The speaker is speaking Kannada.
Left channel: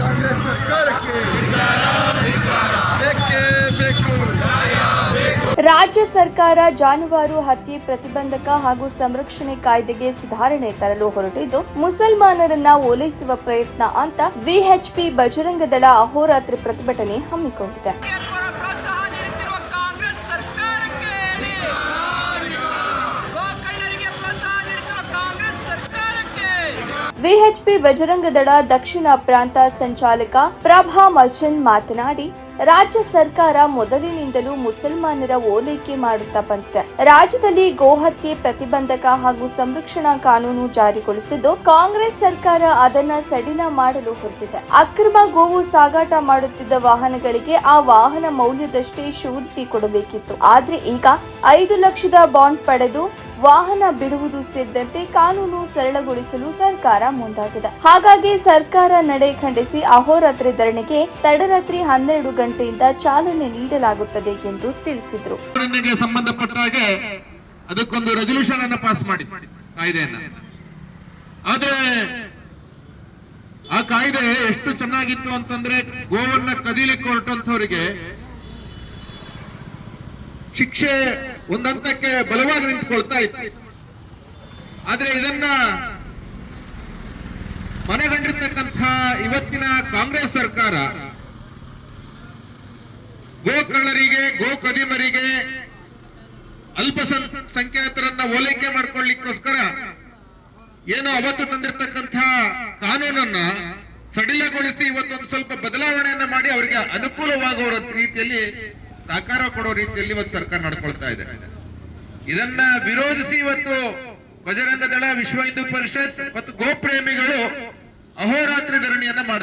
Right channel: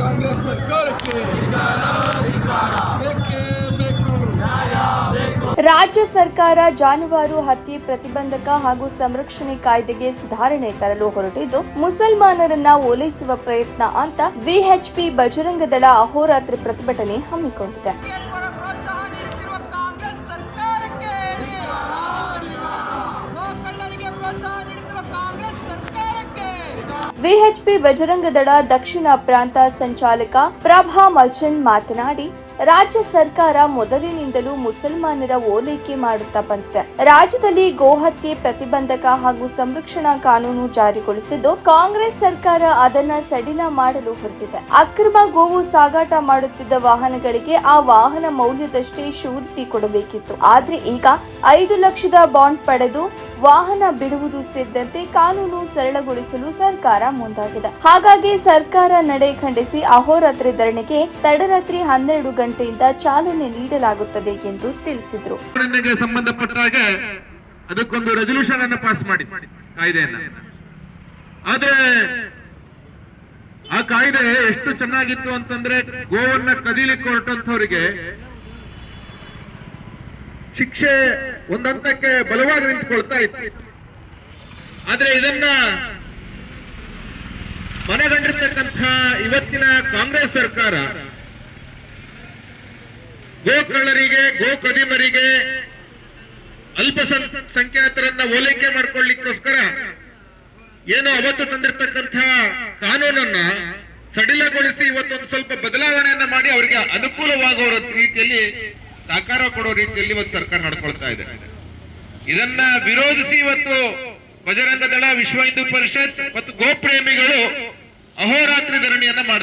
ಕಾಂಗ್ರೆಸ್ ಸರ್ಕಾರಕ್ಕೆ ಬೇಕೇ ಬೇಕು. ರಾಜ್ಯ ಸರ್ಕಾರ ಜಾನುವಾರು ಹತ್ಯೆ ಪ್ರತಿಬಂಧಕ ಹಾಗೂ ಸಂರಕ್ಷಣೆ ಕಾಯ್ದೆಗೆ ಸುಧಾರಣೆ ತರಲು ಹೊರಟಿದ್ದು, ಮುಸಲ್ಮಾನರನ್ನ ಓಲೈಸುವ ಪ್ರಯತ್ನ ಅಂತ ವಿಎಚ್ಪಿ ಬಜರಂಗ ದಳ ಅಹೋರಾತ್ರಿ ಪ್ರತಿಭಟನೆ ಹಮ್ಮಿಕೊಂಡಿದೆ. ವಿಎಚ್ಪಿ ಬಜರಂಗ ದಳ ದಕ್ಷಿಣ ಪ್ರಾಂತ ಸಂಚಾಲಕ ಪ್ರಭಾ ಮರ್ಚೆಂಟ್ ಮಾತನಾಡಿ, ರಾಜ್ಯ ಸರ್ಕಾರ ಮೊದಲಿನಿಂದಲೂ ಮುಸಲ್ಮಾನರ ಓಲೈಕೆ ಮಾಡುತ್ತಾ ಬಂದಿದೆ. ರಾಜ್ಯದಲ್ಲಿ ಗೋಹತ್ಯೆ ಪ್ರತಿಬಂಧಕ ಹಾಗೂ ಸಂರಕ್ಷಣಾ ಕಾನೂನು ಜಾರಿಗೊಳಿಸಿದ್ದು, ಕಾಂಗ್ರೆಸ್ ಸರ್ಕಾರ ಅದನ್ನ ಸಡಿಲ ಮಾಡಲು ಹೊರಟಿದೆ. ಅಕ್ರಮ ಗೋವು ಸಾಗಾಟ ಮಾಡುತ್ತಿದ್ದ ವಾಹನಗಳಿಗೆ ಆ ವಾಹನ ಮೌಲ್ಯದಷ್ಟೇ ಶ್ಯೂರಿಟಿ ಕೊಡಬೇಕಿತ್ತು. ಆದ್ರೆ ಈಗ 5 ಲಕ್ಷದ ಬಾಂಡ್ ಪಡೆದು ವಾಹನ ಬಿಡುವುದು ಸೇರಿದಂತೆ ಕಾನೂನು ಸರಳಗೊಳಿಸಲು ಸರ್ಕಾರ ಮುಂದಾಗಿದೆ. ಹಾಗಾಗಿ ಸರ್ಕಾರ ನಡೆ ಖಂಡಿಸಿ ಅಹೋರಾತ್ರಿ ಧರಣಿಗೆ ತಡರಾತ್ರಿ 12 ಗಂಟೆಯಿಂದ ಚಾಲನೆ ನೀಡಲಾಗುತ್ತದೆ ಎಂದು ತಿಳಿಸಿದರು. ಸಂಬಂಧಪಟ್ಟ ಹಾಗೆ ಅದಕ್ಕೊಂದು ರೆಸಲ್ಯೂಷನ್ ಅನ್ನು ಪಾಸ್ ಮಾಡಿ ಕಾಯ್ದೆಯನ್ನ. ಆದ್ರೆ ಆ ಕಾಯ್ದೆ ಎಷ್ಟು ಚೆನ್ನಾಗಿತ್ತು ಅಂತಂದ್ರೆ, ಗೋವನ್ನ ಕದೀಲಿಕ್ಕೆ ಹೊರಟಂತವರಿಗೆ ಶಿಕ್ಷೆ ಒಂದಂತಕ್ಕೆ ಬಲವಾಗಿ ನಿಂತುಕೊಳ್ತಾ ಇತ್ತು. ಆದ್ರೆ ಇದನ್ನ ಮನಗಂಡಿರ್ತಕ್ಕಂಥ ಇವತ್ತಿನ ಕಾಂಗ್ರೆಸ್ ಸರ್ಕಾರ ಗೋಕಳ್ಳರಿಗೆ, ಗೋಕದಿಮರಿಗೆ, ಅಲ್ಪಸಂಖ್ಯಾತರನ್ನ ಓಲೈಕೆ ಮಾಡ್ಕೊಳ್ಳಿಕ್ಕೋಸ್ಕರ ಏನು ಅವತ್ತು ತಂದಿರತಕ್ಕಂಥ ಕಾನೂನನ್ನ ಸಡಿಲಗೊಳಿಸಿ ಇವತ್ತೊಂದು ಸ್ವಲ್ಪ ಬದಲಾವಣೆಯನ್ನ ಮಾಡಿ ಅವರಿಗೆ ಅನುಕೂಲವಾಗುವ ರೀತಿಯಲ್ಲಿ ಸಹಕಾರ ಕೊಡೋ ರೀತಿಯಲ್ಲಿ ಇವತ್ತು ಸರ್ಕಾರ ನಡ್ಕೊಳ್ತಾ ಇದೆ. ಇದನ್ನ ವಿರೋಧಿಸಿ ಇವತ್ತು ಬಜರಂಗ ದಳ, ವಿಶ್ವ ಹಿಂದೂ ಪರಿಷತ್ ಮತ್ತು ಗೋಪ್ರೇಮಿಗಳು ಅಹೋರಾತ್ರಿ ಧರಣಿಯನ್ನ ಮಾಡ್ತಾರೆ.